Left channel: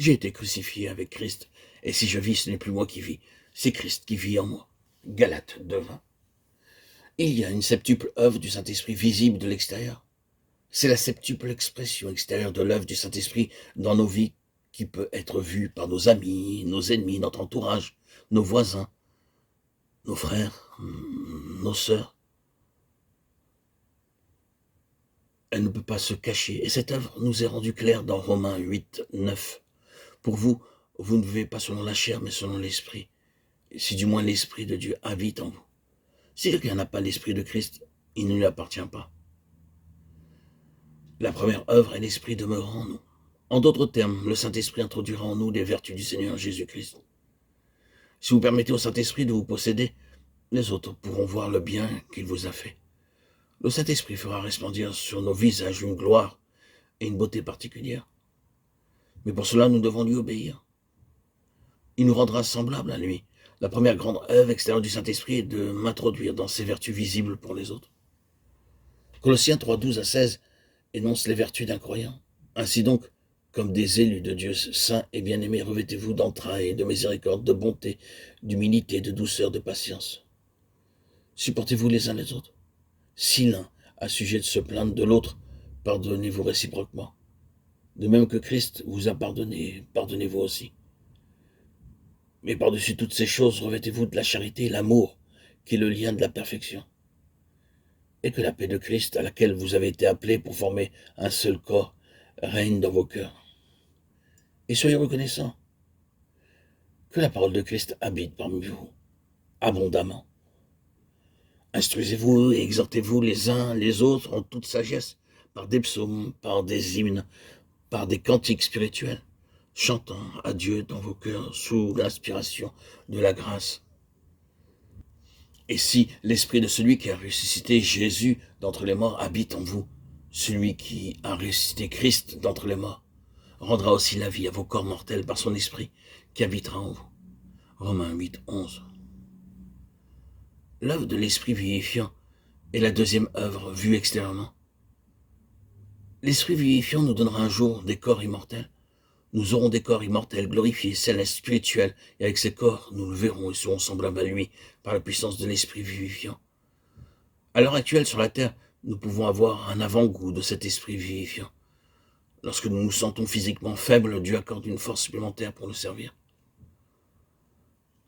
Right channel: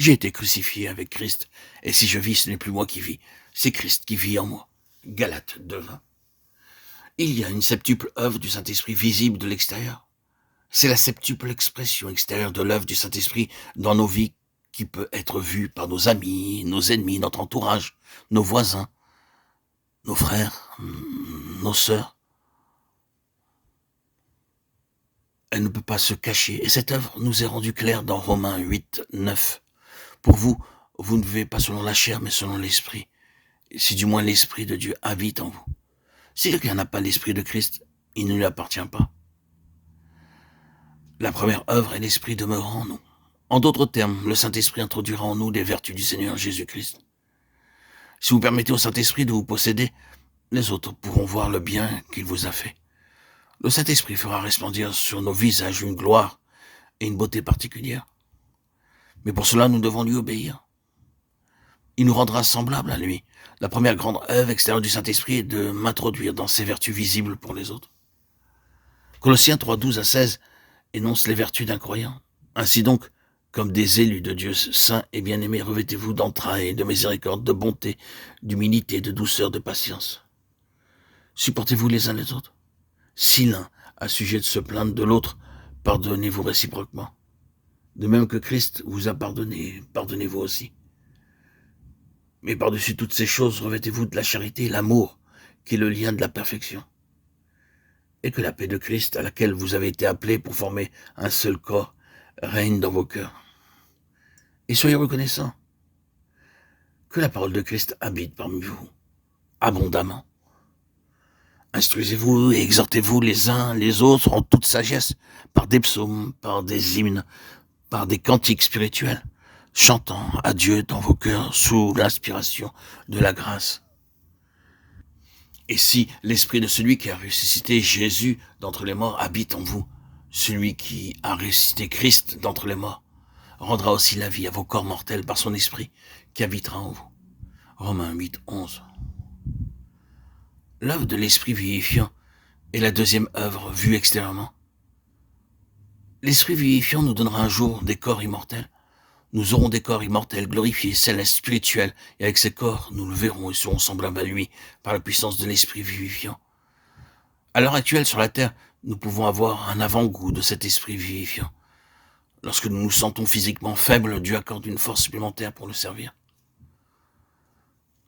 J'ai été crucifié avec Christ, et si je vis, ce n'est plus moi qui vis, c'est Christ qui vit en moi. Galates 2:20. Il y a une septuple œuvre du Saint-Esprit visible de l'extérieur. C'est la septuple expression extérieure de l'œuvre du Saint-Esprit dans nos vies qui peut être vue par nos amis, nos ennemis, notre entourage, nos voisins, nos frères, nos sœurs. Elle ne peut pas se cacher. Et cette œuvre nous est rendue claire dans Romains 8:9. Pour vous, vous ne vivez pas selon la chair, mais selon l'Esprit. Si du moins l'Esprit de Dieu habite en vous. Si quelqu'un n'a pas l'Esprit de Christ, il ne lui appartient pas. La première œuvre est l'Esprit demeurant en nous. En d'autres termes, le Saint-Esprit introduira en nous les vertus du Seigneur Jésus-Christ. Si vous permettez au Saint-Esprit de vous posséder, les autres pourront voir le bien qu'il vous a fait. Le Saint-Esprit fera resplendir sur nos visages une gloire et une beauté particulière. Mais pour cela, nous devons lui obéir. Il nous rendra semblables à lui. La première grande œuvre extérieure du Saint-Esprit est de m'introduire dans ses vertus visibles pour les autres. Colossiens 3:12-16 énonce les vertus d'un croyant. Ainsi donc, comme des élus de Dieu saints et bien-aimés, revêtez-vous d'entrailles, de miséricorde, de bonté, d'humilité, de douceur, de patience. Supportez-vous les uns les autres. Si l'un a sujet de se plaindre de l'autre, pardonnez-vous réciproquement. De même que Christ vous a pardonné, pardonnez-vous aussi. Mais par-dessus toutes ces choses, revêtez-vous de la charité et l'amour, qui est le lien de la perfection. Et que la paix de Christ, à laquelle vous avez été appelés pour former un seul corps, règne dans vos cœurs. Et soyez reconnaissants que la parole de Christ habite parmi vous, abondamment. Instruisez-vous et exhortez-vous les uns les autres en toute sagesse, par des psaumes, par des hymnes, par des cantiques spirituels, chantant à Dieu dans vos cœurs sous l'inspiration de la grâce. Et si l'esprit de celui qui a ressuscité Jésus d'entre les morts habite en vous, celui qui a ressuscité Christ d'entre les morts rendra aussi la vie à vos corps mortels par son esprit qui habitera en vous. Romains 8:11. L'œuvre de l'esprit vivifiant est la deuxième œuvre vue extérieurement. L'esprit vivifiant nous donnera un jour des corps immortels. Nous aurons des corps immortels, glorifiés, célestes, spirituels, et avec ces corps, nous le verrons et serons semblables à lui par la puissance de l'esprit vivifiant. À l'heure actuelle, sur la terre, nous pouvons avoir un avant-goût de cet esprit vivifiant. Lorsque nous nous sentons physiquement faibles, Dieu accorde une force supplémentaire pour le servir.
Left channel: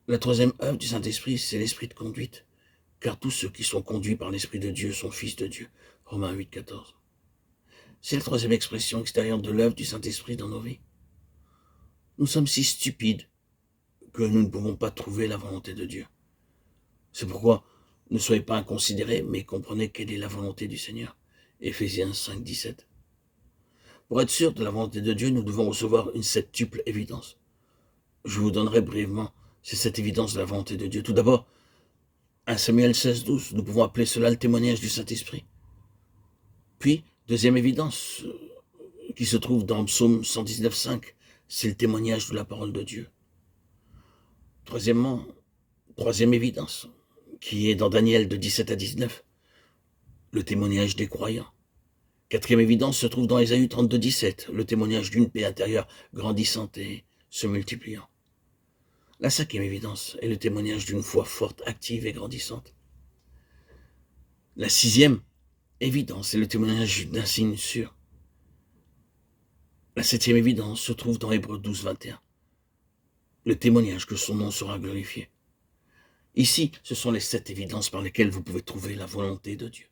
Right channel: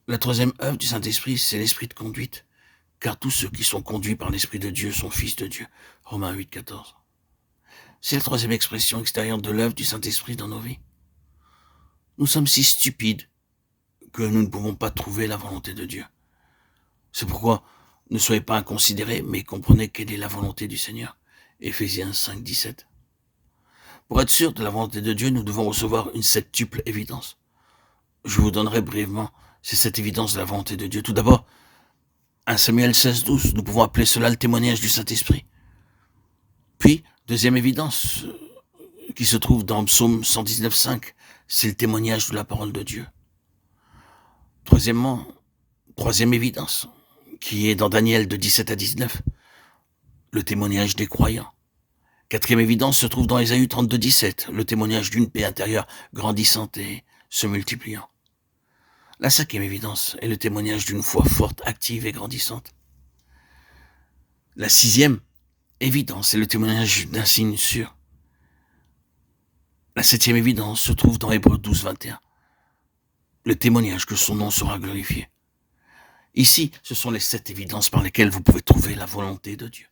La troisième œuvre du Saint-Esprit, c'est l'esprit de conduite, car tous ceux qui sont conduits par l'Esprit de Dieu sont fils de Dieu. Romains 8:14. C'est la troisième expression extérieure de l'œuvre du Saint-Esprit dans nos vies. Nous sommes si stupides que nous ne pouvons pas trouver la volonté de Dieu. C'est pourquoi ne soyez pas inconsidérés, mais comprenez quelle est la volonté du Seigneur. Éphésiens 5:17. Pour être sûr de la volonté de Dieu, nous devons recevoir une septuple évidence. Je vous donnerai brièvement cette évidence de la volonté de Dieu. Tout d'abord, 1 Samuel 16:12, nous pouvons appeler cela le témoignage du Saint-Esprit. Puis, deuxième évidence, qui se trouve dans Psaume 119:5, c'est le témoignage de la parole de Dieu. Troisième évidence, qui est dans Daniel de 17-19, le témoignage des croyants. Quatrième évidence se trouve dans Ésaïe 32:17, le témoignage d'une paix intérieure grandissante et se multipliant. La cinquième évidence est le témoignage d'une foi forte, active et grandissante. La sixième évidence est le témoignage d'un signe sûr. La septième évidence se trouve dans Hébreux 12:21, le témoignage que son nom sera glorifié. Ici, ce sont les 7 évidences par lesquelles vous pouvez trouver la volonté de Dieu.